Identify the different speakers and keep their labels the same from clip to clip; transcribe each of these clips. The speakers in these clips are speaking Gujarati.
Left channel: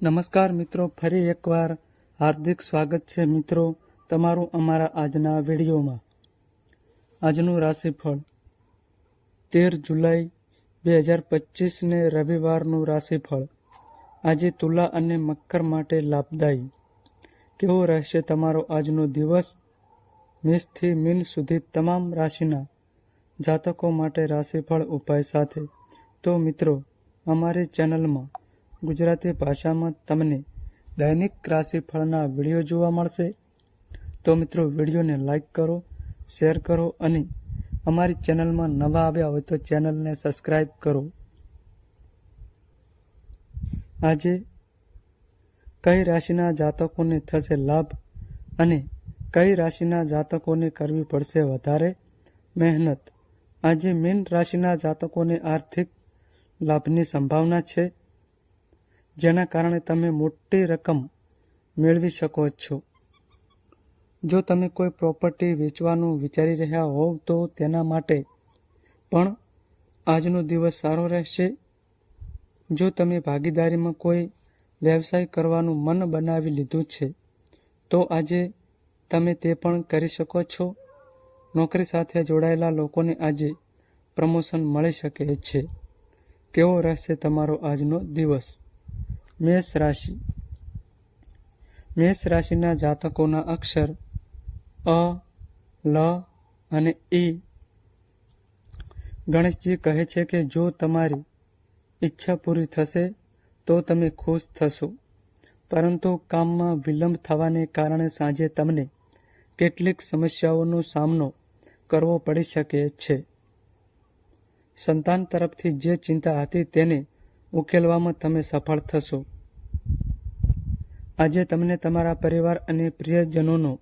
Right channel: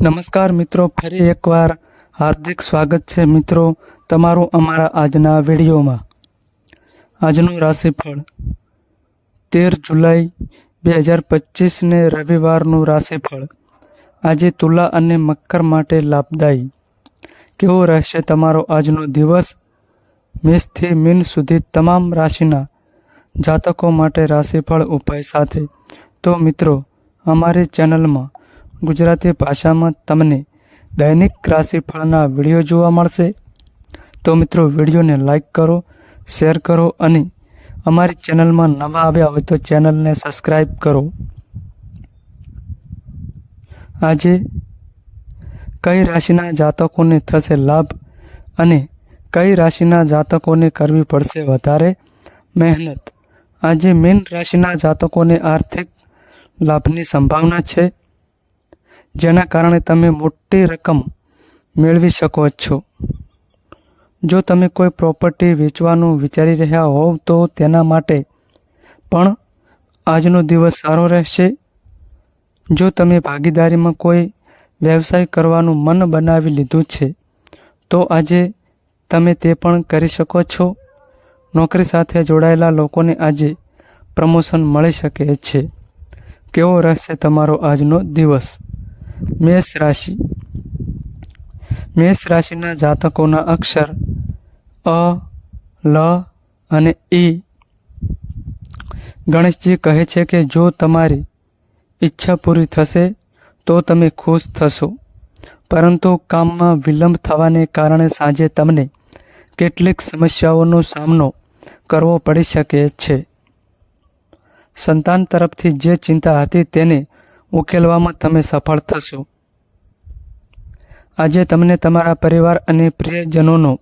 Speaker 1: નમસ્કાર મિત્રો, ફરી એકવાર હાર્દિક સ્વાગત છે મિત્રો તમારું અમારા આજના વિડીયોમાં. આજનું રાશિફળ તેર જુલાઈ બે હજાર પચીસને રવિવારનું રાશિફળ. આજે તુલા અને મકર માટે લાભદાયી. કેવો રહેશે તમારો આજનો દિવસ? મેષથી મીન સુધી તમામ રાશિના જાતકો માટે રાશિફળ ઉપાય સાથે. તો મિત્રો, અમારી ચેનલમાં ગુજરાતી ભાષામાં તમને દૈનિક રાશિફળના વીડિયો જોવા મળશે. તો મિત્રો, વિડીયોને લાઈક કરો, શેર કરો અને અમારી ચેનલમાં નવા આવ્યા હોય તો ચેનલને સબસ્ક્રાઈબ કરો. આજે કઈ રાશિના જાતકોને થશે લાભ અને કઈ રાશિના જાતકોને કરવી પડશે વધારે મહેનત? આજે મીન રાશિના જાતકોને આર્થિક લાભની સંભાવના છે. જેના કારણે તમે મોટી રકમ મેળવી શકો છો. જો તમે કોઈ પ્રોપર્ટી વેચવાનું વિચારી રહ્યા હોવ તો તેના માટે પણ આજનો દિવસ સારો રહેશે. જો તમે ભાગીદારીમાં કોઈ વ્યવસાય કરવાનું મન બનાવી લીધું છે, તો આજે તમે તે પણ કરી શકો છો. નોકરી સાથે જોડાયેલા લોકોને આજે પ્રમોશન મળી શકે છે. કેવો રહેશે તમારો આજનો દિવસ? મેષ રાશિ. મેષ રાશિના જાતકોના અક્ષર અ, લ અને ઈ ગણેશજી કહે છે કે જો તમારી ઈચ્છા પૂરી થશે તો તમે ખુશ થશો. પરંતુ કામમાં વિલંબ થવાને કારણે સાંજે તમને કેટલીક સમસ્યાઓનો સામનો કરવો પડી શકે છે. સંતાન તરફથી જે ચિંતા હતી તેને ઉકેલવામાં તમે સફળ થશો. આજે તમને તમારા પરિવાર અને પ્રિયજનોનો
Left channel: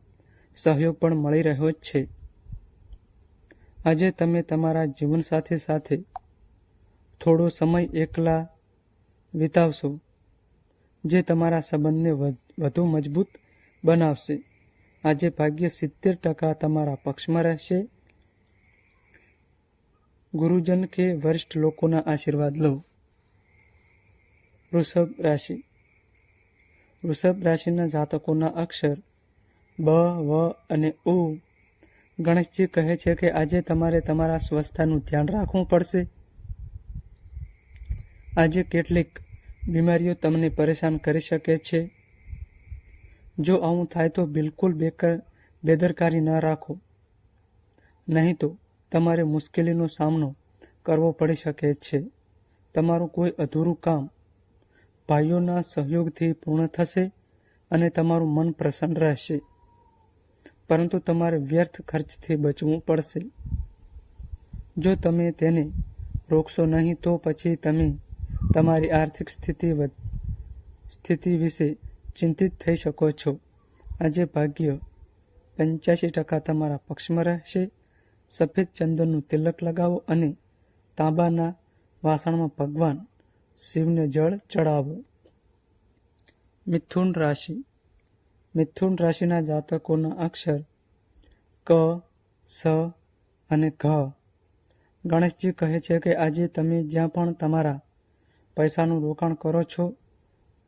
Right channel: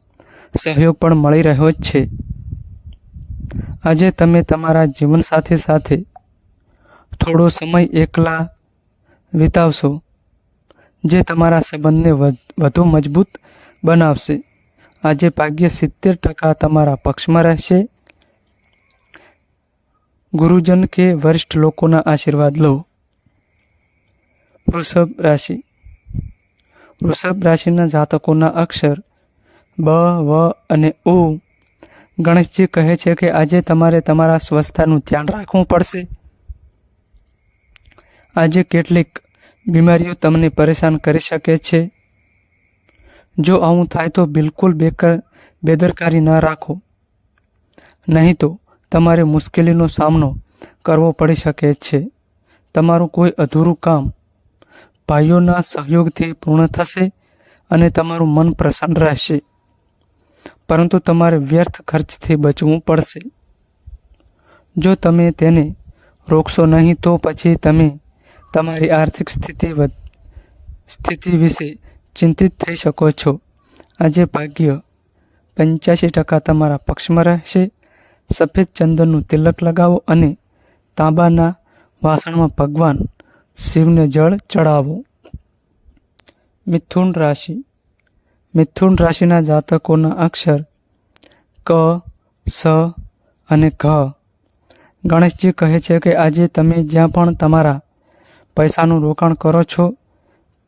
Speaker 1: સહયોગ પણ મળી રહ્યો જ છે. આજે તમે તમારા જીવનસાથી સાથે થોડો સમય એકલા વિતાવશો, જે તમારા સંબંધને વધુ મજબૂત બનાવશે. આજે ભાગ્ય સિત્તેર ટકા તમારા પક્ષમાં રહેશે. ગુરુજન કે વરિષ્ઠ લોકોના આશીર્વાદ લો. વૃષભ રાશિ. વૃષભ રાશિના જાતકોના અક્ષર બ, વ અને ઉ ગણેશજી કહે છે કે આજે તમારે તમારા સ્વસ્થતાનું ધ્યાન રાખવું પડશે. આજે કેટલીક બીમારીઓ તમને પરેશાન કરી શકે છે. જો આવું થાય તો બિલકુલ બેકર, બેદરકારી ન રાખો. નહીં તો તમારે મુશ્કેલીનો સામનો કરવો પડી શકે છે. તમારું કોઈ અધૂરું કામ ભાઈઓના સહયોગથી પૂર્ણ થશે અને તમારું મન પ્રસન્ન રહેશે. પરંતુ તમારે વ્યર્થ ખર્ચથી બચવું પડશે. જો તમે તેને રોકશો નહીં, તો પછી તમે તમારી આર્થિક સ્થિતિ સ્થિતિ વિશે ચિંતિત થઈ શકો છો. આજે ભાગ્ય પંચ્યાસી ટકા તમારા પક્ષમાં રહેશે. સફેદ ચંદનનું તિલક લગાવો અને તાંબાના વાસણમાં ભગવાન શિવને જળ ચડાવો. મિથુન રાશિ. મિથુન રાશિના જાતકોના અક્ષર ક, સ અને ઘ. ગણેશજી કહે છે કે આજે તમે જ્યાં પણ તમારા પૈસાનું રોકાણ કરો છો,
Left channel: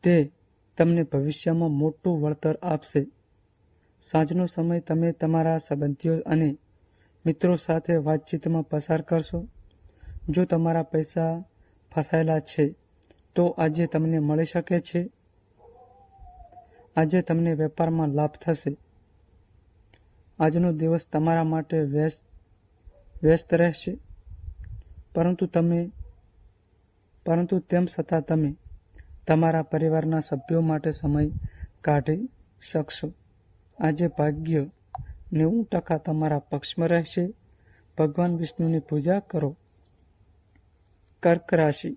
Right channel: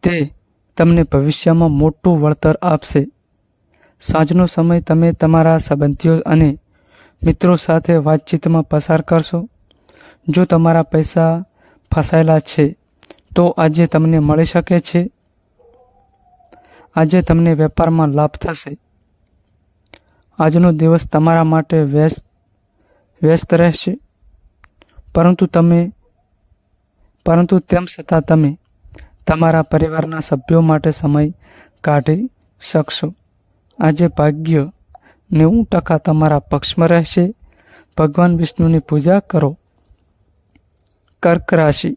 Speaker 1: તે તમને ભવિષ્યમાં મોટું વળતર આપશે. સાંજનો સમય તમે તમારા સંબંધીઓ અને મિત્રો સાથે વાતચીતમાં પસાર કરશો. જો તમારા પૈસા ફસાયેલા છે તો આજે તમને મળી શકે છે. આજે તમને વેપારમાં લાભ થશે. આજનો દિવસ તમારા માટે વ્યસ્ત વ્યસ્ત રહેશે. પરંતુ તમે, પરંતુ તેમ છતાં તમે તમારા પરિવારના સભ્યો માટે સમય કાઢી શકશો. આજે ભાગ્ય નેવું ટકા તમારા પક્ષમાં રહેશે. ભગવાન વિષ્ણુની પૂજા કરો. કર્ક રાશિ.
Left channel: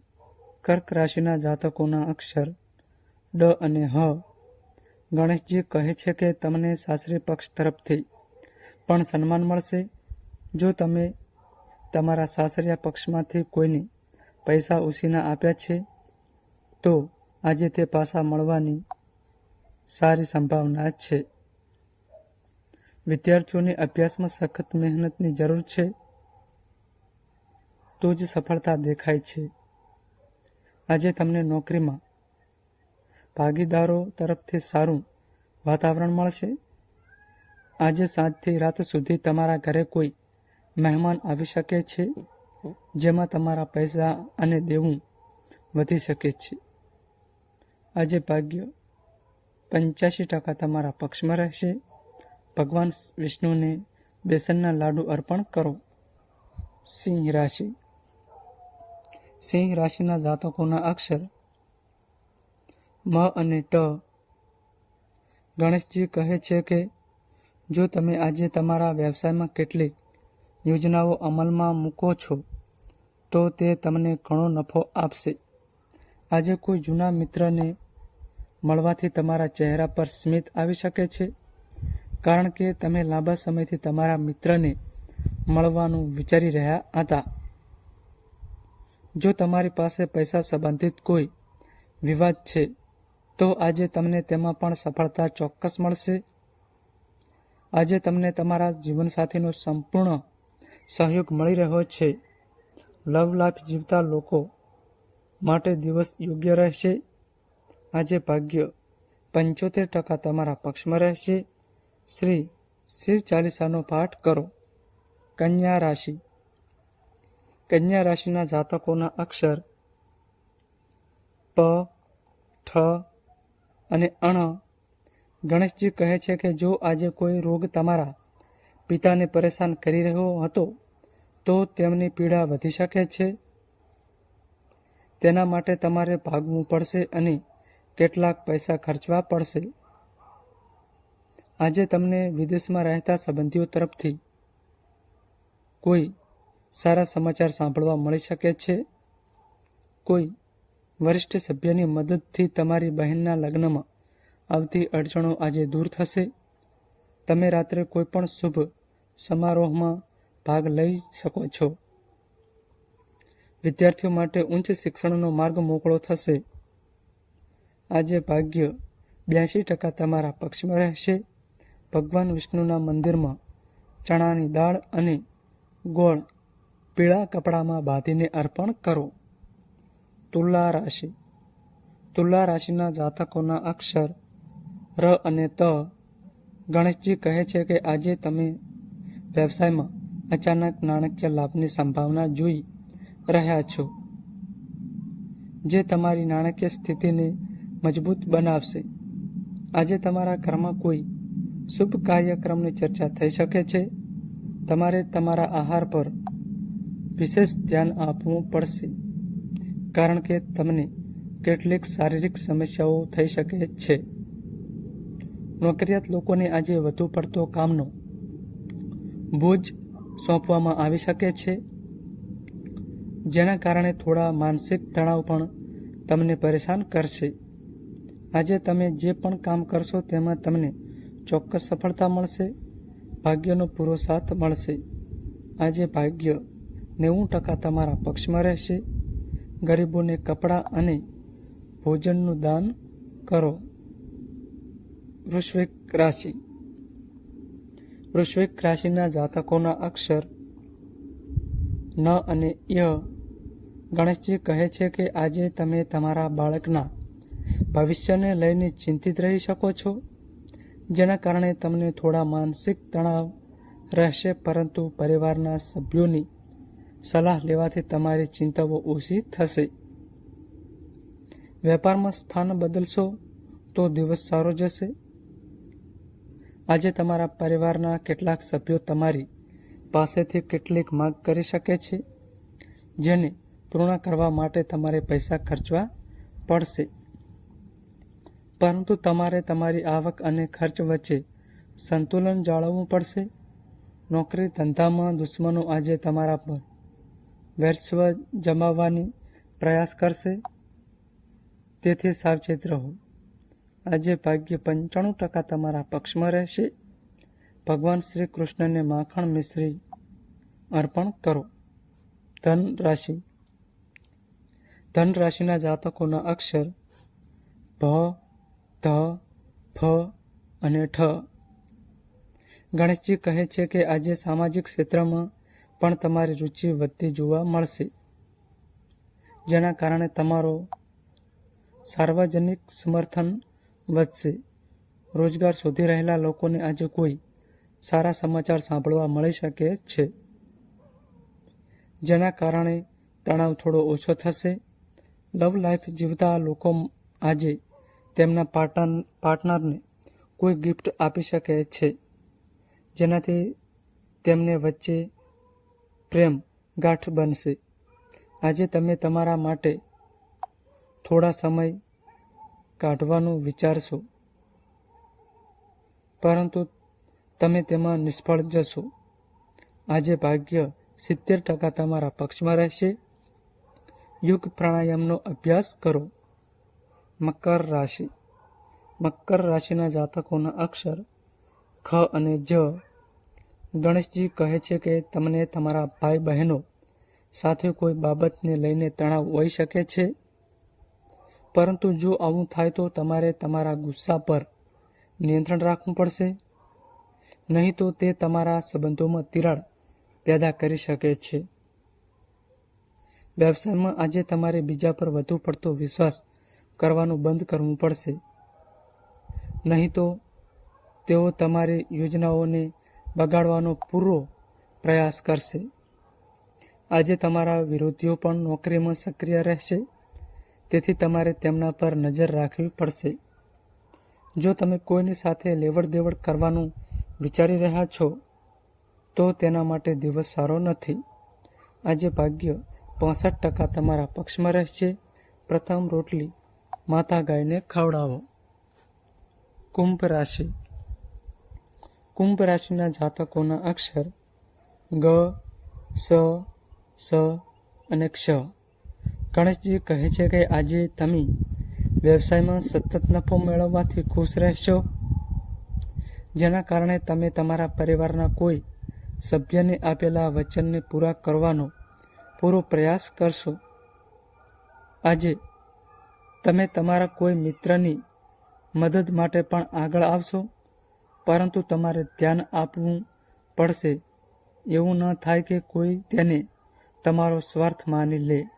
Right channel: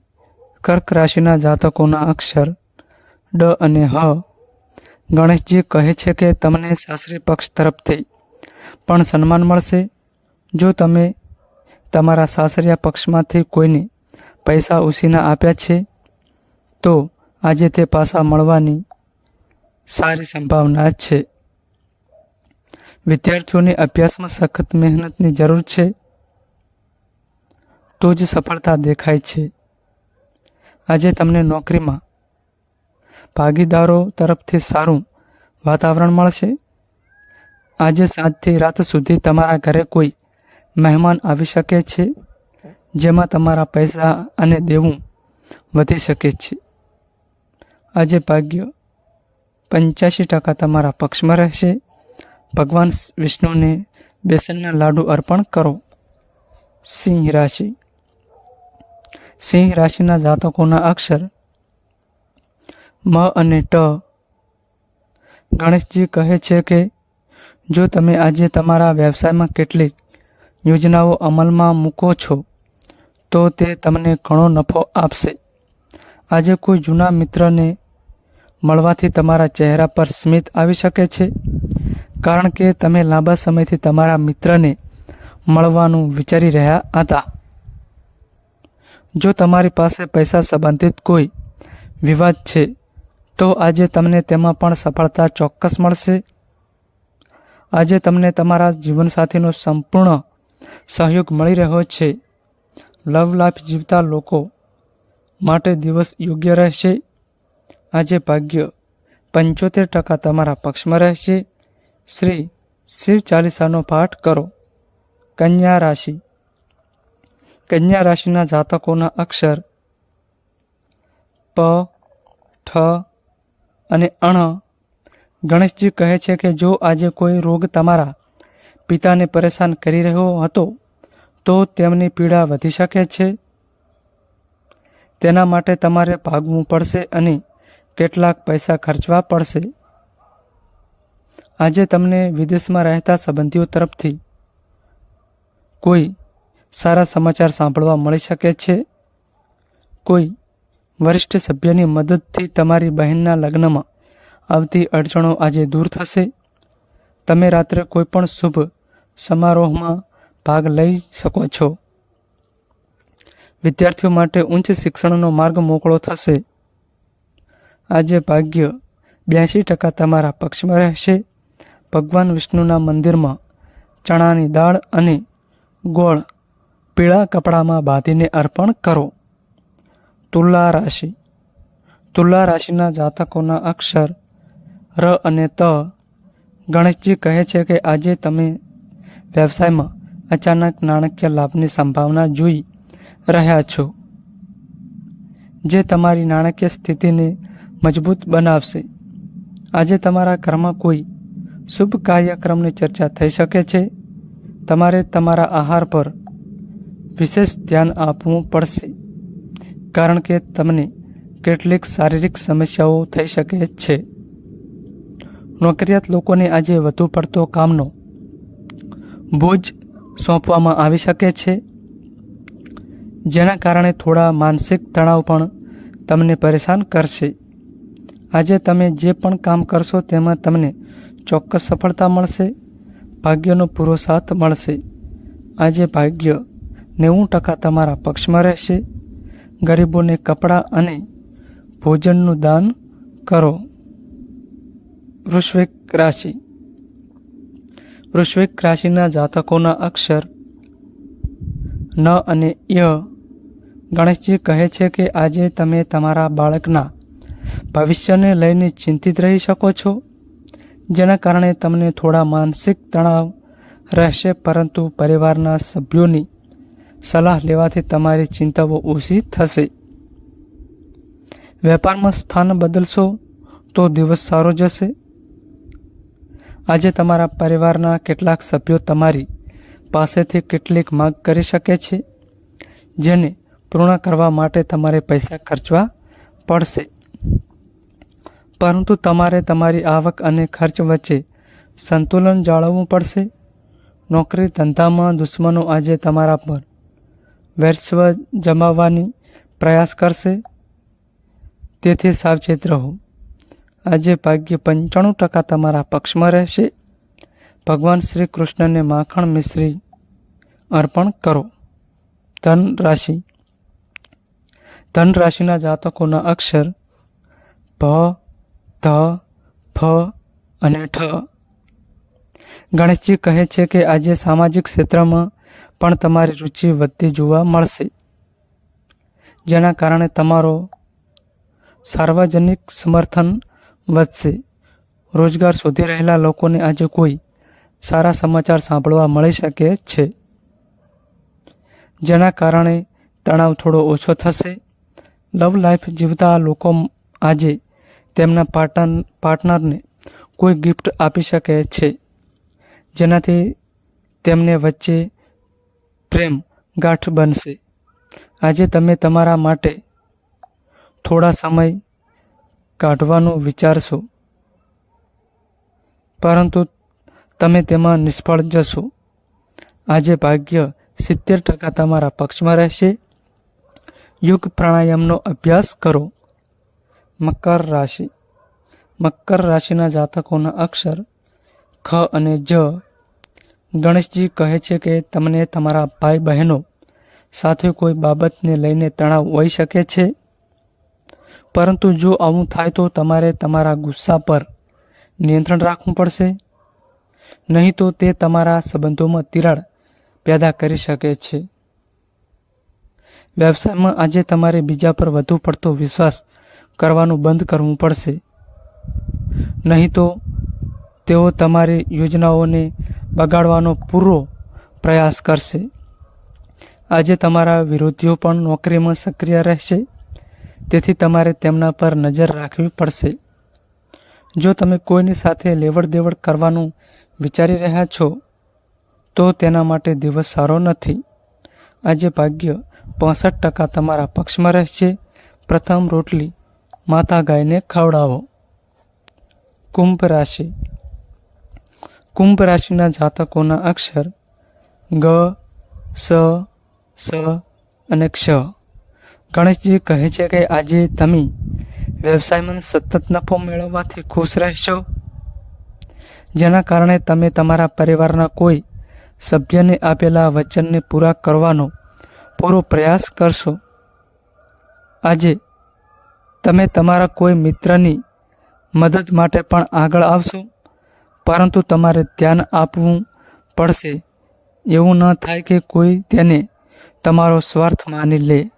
Speaker 1: કર્ક રાશિના જાતકોના અક્ષર ડ અને હ. ગણેશજી કહે છે કે તમને સાસરી પક્ષ તરફથી પણ સન્માન મળશે. જો તમે તમારા સાસરિયા પક્ષમાંથી કોઈને પૈસા ઉછીના આપ્યા છે, તો આજે તે પાસા મળવાની સારી સંભાવના છે. વિદ્યાર્થીઓને અભ્યાસમાં સખત મહેનતની જરૂર છે. તો જ સફળતા દેખાય છે. આજે તમને નોકરીમાં ભાગીદારો તરફથી સારું વાતાવરણ મળશે. આજે સાંજથી રાત સુધી તમારા ઘરે કોઈ મહેમાન આવી શકે છે, જેમાં તમારા પૈસા અને દેવું વધી શકે છે. આજે ભાગ્ય પંચ્યાસી ટકા તમારા પક્ષમાં રહેશે. ભગવાન વિષ્ણુને બેસનના લાડુ અર્પણ કરો. સિંહ રાશિ. સિંહ રાશિના જાતકોના અક્ષર મ અને ટ. ગણેશજી કહે છે કે, જો તમે આજે તમારા વ્યવસાયમાં કેટલીક યોજનાઓ અમલમાં મૂકો છો, તો તે તમને ઘણો નફો આપશે. આજે કોઈ જૂના મિત્રને મળવાથી તમારા ચહેરા પર સ્મિત આવી શકે છે, કારણ કે તમે લાંબા સમયથી તમારા મિત્રને મળવાનું વિચારી રહ્યા હતા. જો તમારી પાસે પૈસા સંબંધિત કોઈ વિવાદ છે, તો આજે તમને તેમાં પણ સફળતા ચોક્કસ મળશે. આજે તમને તમારા જીવનસાથીનો સંપૂર્ણ સહયોગ મળી રહ્યો છે. લવ લાઈફ જીવતા લોકો માટે દિવસ યોગ્ય રહેશે. આજે ભાગ્ય પંચોતેર ટકા તમારા પક્ષમાં રહેશે. શ્રી શિવ ચાલીસાનો પાઠ કરો. કન્યા રાશિ. કન્યા રાશિના જાતકોના અક્ષર પ, ઠ અને અણ. ગણેશજી કહે છે કે જો આજે કોઈ રોગ તમારા પિતાને પરેશાન કરી રહ્યો હતો, તો તેમની પીડા વધી શકે છે. તેના માટે તમારે ભાગવું પડશે અને કેટલાક પૈસા ખર્ચવા પડશે. આજે તમને વિદેશમાં રહેતા સંબંધીઓ તરફથી કોઈ સારા સમાચાર સાંભળવા મળી શકે છે. કોઈ વરિષ્ઠ સભ્યની મદદથી તમારી બહેનના લગ્નમાં આવતી અડચણો આજે દૂર થશે. તમે રાત્રે કોઈ પણ શુભ સમારોહમાં ભાગ લઈ શકો છો. વિદ્યાર્થીઓ માટે ઉચ્ચ શિક્ષણનો માર્ગ મોકળો થશે. આજે ભાગ્ય બ્યાસી ટકા તમારા પક્ષમાં રહેશે. ભગવાન વિષ્ણુના મંદિરમાં ચણાની દાળ અને ગોળ પીળા કપડામાં બાંધીને અર્પણ કરો. તુલા રાશિ. તુલા રાશિના જાતકોના અક્ષર ર અને ત ગણેશજી કહે છે કે આજે તમે વ્યવસાયમાં અચાનક નાણાકીય લાભની સંભાવના જોઈ રહ્યા છો, જે તમારી નાણાકીય સ્થિતિને મજબૂત બનાવશે. આજે તમારા ઘરમાં કોઈ શુભ કાર્યક્રમની ચર્ચા થઈ શકે છે. તમારે તમારા આહાર પર વિશેષ ધ્યાન આપવું પડશે, કારણ કે તમને કેટલીક શારીરિક સમસ્યાઓ થઈ શકે છે. નોકરિયાત લોકોને આજે વધુ પડતો કામનો બોજ સોંપવામાં આવી શકે છે. જેના કારણે થોડા માનસિક તણાવ પણ તમને પરેશાન કરશે. આજે તમે જે પણ કામ કરશો તેમાં તમને ચોક્કસ સફળતા મળશે, ભાગ્યનો પૂરો સાથ મળશે. આજે ભાગ્ય નેવું ટકા તમારા પક્ષમાં રહેશે. ગરીબોને કપડાં અને ભોજનનું દાન કરો. વૃશ્વિક રાશિ. વૃશ્વિક રાશિના જાતકોના અક્ષર ન અને ય. ગણેશજી કહે છે કે આજે તમે તમારા બાળકના ભવિષ્યને લઈને ચિંતિત રહી શકો છો. જેના કારણે તમને થોડા માનસિક તણાવ રહેશે, પરંતુ પરિવારના સભ્યોની સલાહ લેવાથી તમારી ચિંતાઓ ઓછી થશે. વેપારમાં સ્થાન બદલશો તો દિવસ સારો જશે. આજે તમારા પરિવારના કેટલાક સભ્યો તમારી પાસેથી કેટલીક માંગ કરી શકે છે, જેને પૂર્ણ કરવા માટે તમારે પૈસા ખર્ચવા પડશે. પરંતુ તમારે તમારી આવક અને ખર્ચ વચ્ચે સંતુલન જાળવવું પડશે. નોકરી ધંધામાં દુશ્મનો આજે તમારા પર વર્ચસ્વ જમાવવાની પ્રયાસ કરશે. તેથી સાવચેત રહો. આજે ભાગ્ય પંચાણું ટકા તમારા પક્ષમાં રહેશે. ભગવાન શ્રી કૃષ્ણને માખણ મિશ્રી અર્પણ કરો. ધન રાશિ ધન રાશિના જાતકોના અક્ષર ભ ધ, ફ અને ઠ. ગણેશજી કહે છે કે આજે સામાજિક ક્ષેત્રમાં પણ તમારી રુચિ વધતી જોવા મળશે. જેના કારણે તમારો સાર્વજનિક સમર્થન વધશે. રોજગાર શોધી રહેલા લોકોને આજે કોઈ સારા સમાચાર સાંભળવા મળી શકે છે. જેના કારણે તણાવ થોડો ઓછો થશે. લવ લાઈફ જીવતા લોકો આજે તેમના પાર્ટન પાર્ટનરને કોઈ ગિફ્ટ આપી શકે છે. જેનાથી તેમને વચ્ચે પ્રેમ ગાંઠ બનશે. આજે તમે તમારા માટે થોડા સમય કાઢવાનું વિચારશો. પરંતુ તમે તેમાં નિષ્ફળ જશો. આજે ભાગ્ય સિત્તેર ટકા તમારા પક્ષમાં રહેશે. યોગ પ્રાણાયામનો અભ્યાસ કરો. મકર રાશિ. મકર રાશિના જાતકોના અક્ષર ખ અને જ ગણેશજી કહે છે કે તમને તમારા ભાઈ બહેનો સાથે કોઈ બાબતને લઈને તણાવ હોઈ શકે છે? પરંતુ જો આવું થાય તો તમારે તમારા ગુસ્સા પર નિયંત્રણ રાખવું પડશે. નહીં તો તે તમારા સંબંધોમાં તિરાડ પેદા કરી શકે છે. વ્યવસાયમાં આજે તમારે બીજા પર વધુ પડતો વિશ્વાસ કરવાનું બંધ કરવું પડશે. નહીં તો તેઓ તમારી યોજનાઓને બગાડવાનો પૂરો પ્રયાસ કરશે. આજે તમારા વિરોધીઓ પણ નોકરીમાં સક્રિય રહેશે. તેથી તમારે તેમના પર નજર રાખવી પડશે. જો તમે કોઈની સાથે લેવડ દેવડ કરવાનું વિચારી રહ્યા છો, તો તેના માટે દિવસ સારો નથી. આજે ભાગ્ય પાસઠ ટકા તમારા પક્ષમાં રહેશે. પ્રથમ રોટલી માતા ગાયને ખવડાવો. કુંભ રાશિ. કુંભ રાશિના જાતકોના અક્ષર ગ, સ સ અને ક્ષ. ગણેશજી કહે છે કે આજે તમે વ્યવસાયમાં સતત નફો મેળવવાથી ખુશ રહેશો. જેના કારણે તમે તમારા પરિવારના કોઈ સભ્યને આપેલા વચનને પૂરા કરવાનો પૂરો પ્રયાસ કરશો. આજે તમે તમારા કોઈ મિત્રની મદદ માટે પણ આગળ આવશો. પરંતુ તમારે ધ્યાન આપવું પડશે. એવું ન થાય કે કોઈ તેને તમારો સ્વાર્થ માની લે.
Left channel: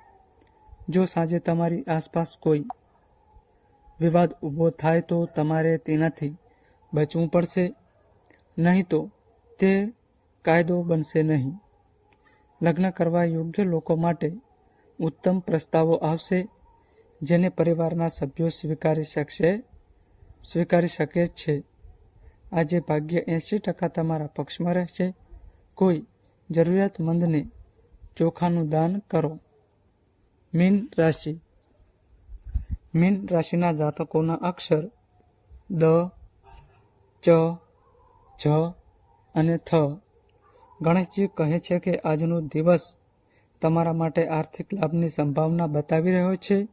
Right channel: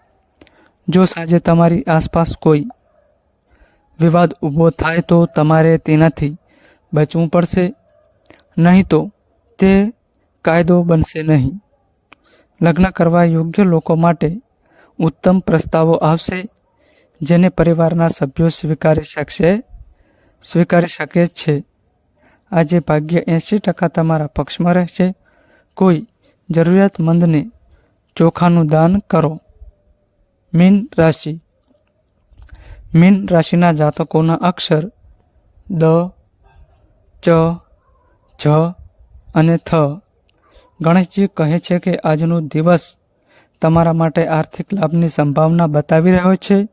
Speaker 1: જો સાંજે તમારી આસપાસ કોઈ વિવાદ ઊભો થાય તો તમારે તેનાથી બચવું પડશે. નહીં તો તે કાયદો બનશે નહીં. લગ્ન કરવા યોગ્ય લોકો માટે ઉત્તમ પ્રસ્તાવો આવશે, જેને પરિવારના સભ્યો સ્વીકારી શકશે, સ્વીકારી શકે છે. આજે ભાગ્ય એંશી ટકા તમારા પક્ષમાં રહેશે. કોઈ જરૂરિયાતમંદને ચોખાનું દાન કરો. મીન રાશિ. મીન રાશિના જાતકોના અક્ષર દ, ચ, જ અને થ. ગણેશજી કહે છે કે આજનો દિવસ તમારા માટે આર્થિક લાભની સંભાવના બતાવી રહ્યો છે.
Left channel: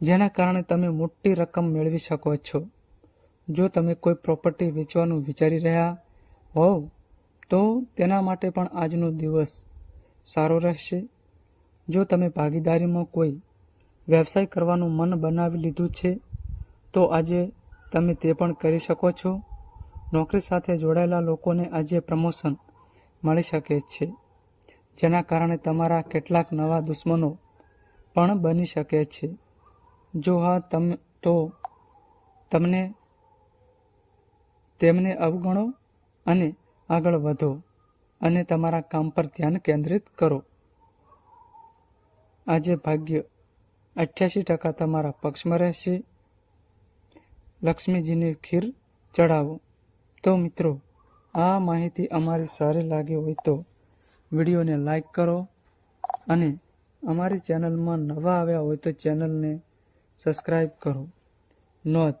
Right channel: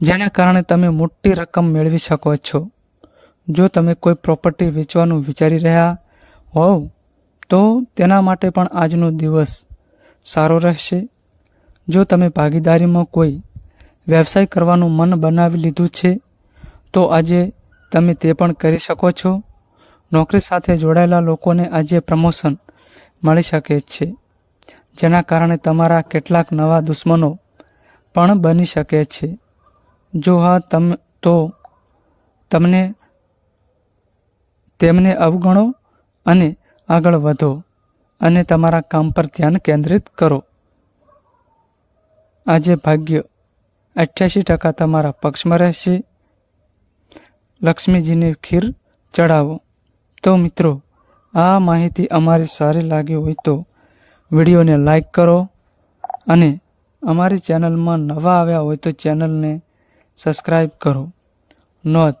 Speaker 1: જેના કારણે તમે મોટી રકમ મેળવી શકો છો. જો તમે કોઈ પ્રોપર્ટી વેચવાનું વિચારી રહ્યા હોવ, તો તેના માટે પણ આજનો દિવસ સારો રહેશે. જો તમે ભાગીદારીમાં કોઈ વ્યવસાય કરવાનું મન બનાવી લીધું છે, તો આજે તમે તે પણ કરી શકો છો. નોકરી સાથે જોડાયેલા લોકોને આજે પ્રમોશન મળી શકે છે, જેના કારણે તમારા કેટલાક નવા દુશ્મનો પણ બની શકે છે. જો હા, તમ, તો તમને તેમને અવગણો અને આગળ વધો અને તમારા કામ પર ધ્યાન કેન્દ્રિત કરો. આજે ભાગ્ય અઠ્યાસી ટકા તમારા પક્ષમાં રહેશે. લક્ષ્મીજીને ખીર ચડાવો તો મિત્રો, આ માહિતી અમારી સારી લાગી હોય તો વિડીયોને લાઈક કરો અને અમારી ચેનલમાં નવા આવ્યા હોય તો ચેનલને સબસ્ક્રાઈબ કરો. નોંધ